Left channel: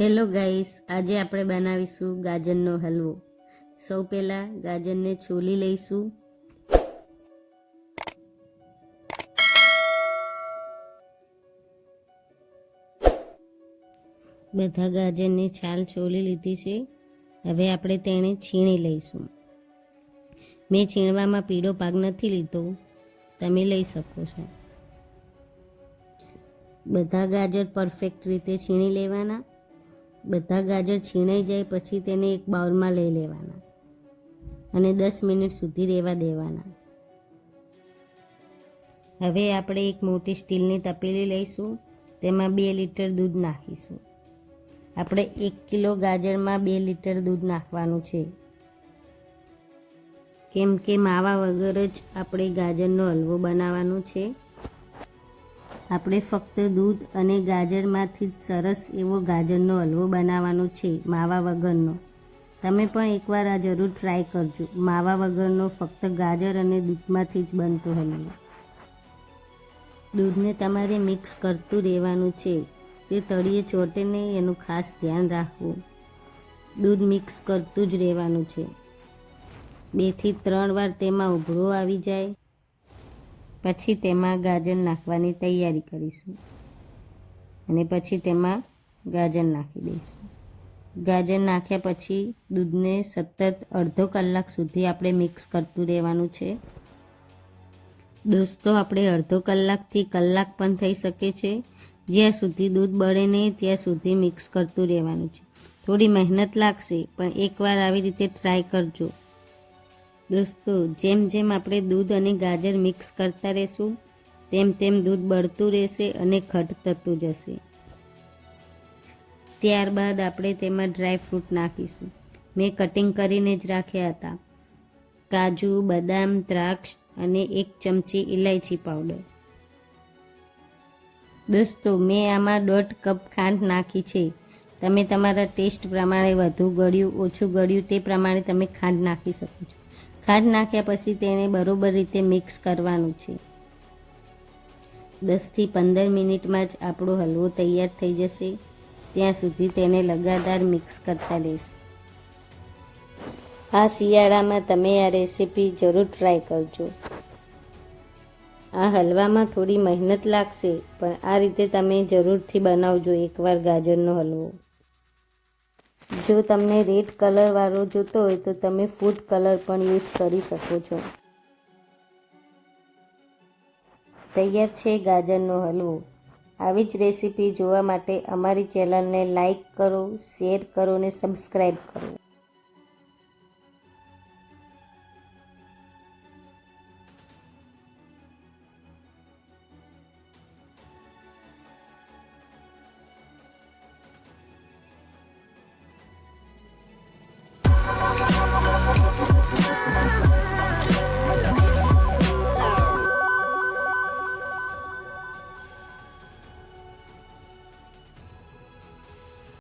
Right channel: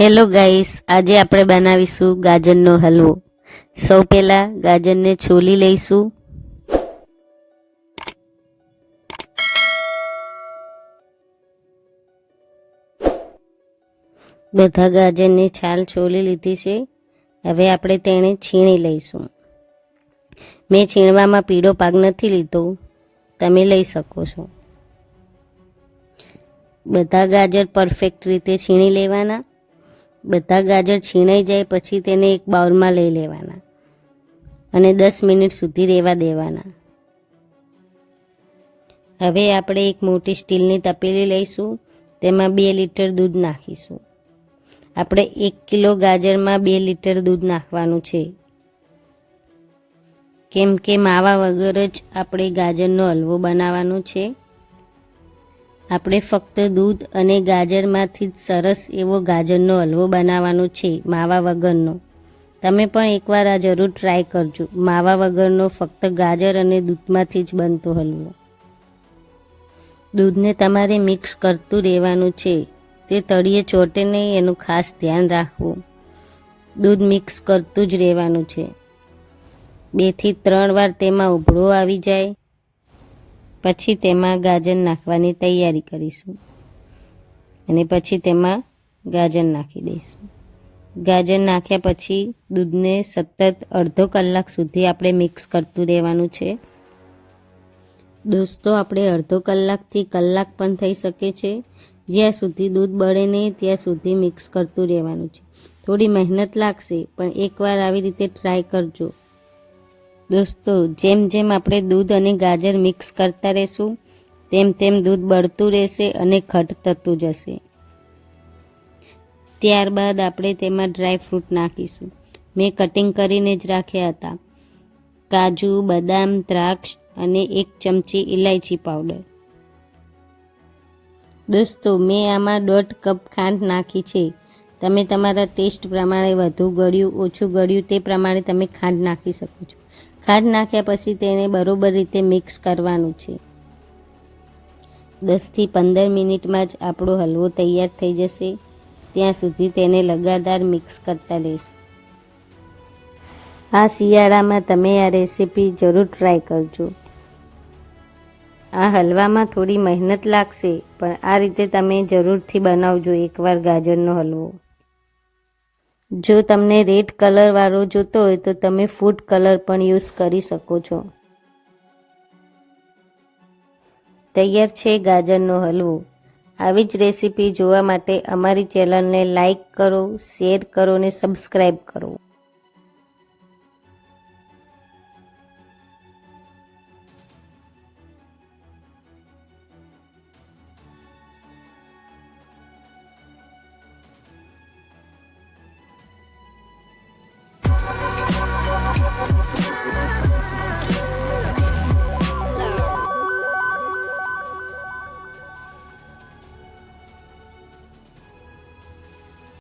Hello guys આજે આપણે બનાવીશું ગાજરનો હલવો. સૌ પહેલા ગાજરને છોલી લઈશું. બધા ગાજરની છાલ છોલી લીધી છે. હવે આપણે તેને છીણી લઈશું. મેં છીણવામાં પીળો પાક નથી લીધો. તમે લઈ શકો છો. બધા ગાજર પરફેક્ટ રીતે છીણી લેવાના. બધા ગાજર છીણાઈ જાય પછી તેને એક બાઉલમાં લઈ લેવાના. અને દસ મિનિટ સુધી રહેવા દેવાના. હવે આપણે એક મોટી સ્ટીલની તપેલી લઈશું. તેમાં બે લીટર દૂધ નાખીશું. આપણે એક કિલો ગાજરમાં બે લીટર દૂધ નાખવાનું છે. કેમ કે માવા વગર જ આપણે ગાજરનો હલવો બનાવવાનો છે. આપણે ફક્ત દૂધ અને ગાજરમાંથી જ સરસ એવો ગાજરનો હલવો બનાવવાનો છે, માવા વગરનો. તમે પણ એકવાર આ જરૂર ટ્રાય કરજો. માવા વગરનો ફક્ત ગાજર અને દૂધમાંથી જ બનતો હલવો. દૂધને તમારે મિક્સ કરતું રહેવાનું છે. તે તળિયે ચોટે નહીં, એનું ખાસ ધ્યાન રાખવું. દૂધ મિક્સ કરતું જ રહેવાનું છે. બેથી ત્રણ વાર તેમાં ઉભરો આવી જાય. પછી તેમાં ગાજર નાખવાની તૈયારી કરીશું. અને પછી તેમાં ગાજર નાખી દઈશું. ગાજર નાખ્યા પછી દૂધને સતત અડધો કલાક સુધી આપણે મિક્સ કરતું રહેવાનું છે. દોસ્તો, આપણે અડધો કલાકથી કલાક પણ થઈ શકે છે. જ્યાં સુધી દૂધ બળે નહીં, ત્યાં સુધી મિક્સ કરતું રહેવાનું છે. થોડી મહેનત લાગશે, પણ એકવાર આવી રીતે ટ્રાય કરજો. દોસ્તો, જેમ જેમ આપણે દૂધ અને ગાજર મિક્સ કરતા રહેશું, તેમ તેમ દૂધ બળતું રહેશે અને ઘટ થતું જશે. ત્યારબાદ આપણે તેમાં ડ્રાય ફ્રૂટ નાખીશું. મેં કટિંગ કરીને જ રાખ્યા હતા. કાજુ, બદામ, દ્રાક્ષ અને એક ચમચી ઇલાયચી પાવડર. દોસ્તો, મેં આમાં દોઢ કપ ખાંડ નાખી છે. તમે તમારા ટેસ્ટ પ્રમાણે વધુ ગળ્યું, ઓછું ગળ્યું તે પ્રમાણે તમે ખાંડ નાખી શકો છો. ખાંડ નાખ્યા પછી તેને બરોબર રીતે મિક્સ કરવાનું છે. દસથી પંદર મિનિટમાં જ આપણો હલવો તૈયાર થઈ જશે. ત્યાં સુધી તેને લગાતાર મિક્સ કરતા લઈશું આ શિયાળામાં તમે આ રેસીપી જરૂર ટ્રાય કરજો. આ હલવામાં થોડી મહેનત લાગશે, પણ આ રીતે તમે જરૂરથી બનાવજો એકવાર ગાજરનો હલવો. જો તમને રેડ કલરવાળો જોતો હોય તો તમે ફૂડ કલર પણ યુઝ કરી શકો છો. તૈયાર છે ગાજરનો હલવો. આવી જ રેસીપી જોવા માટે અમારી ચેનલને લાઈક કરો, શેર કરો અને સબસ્ક્રાઈબ કરો.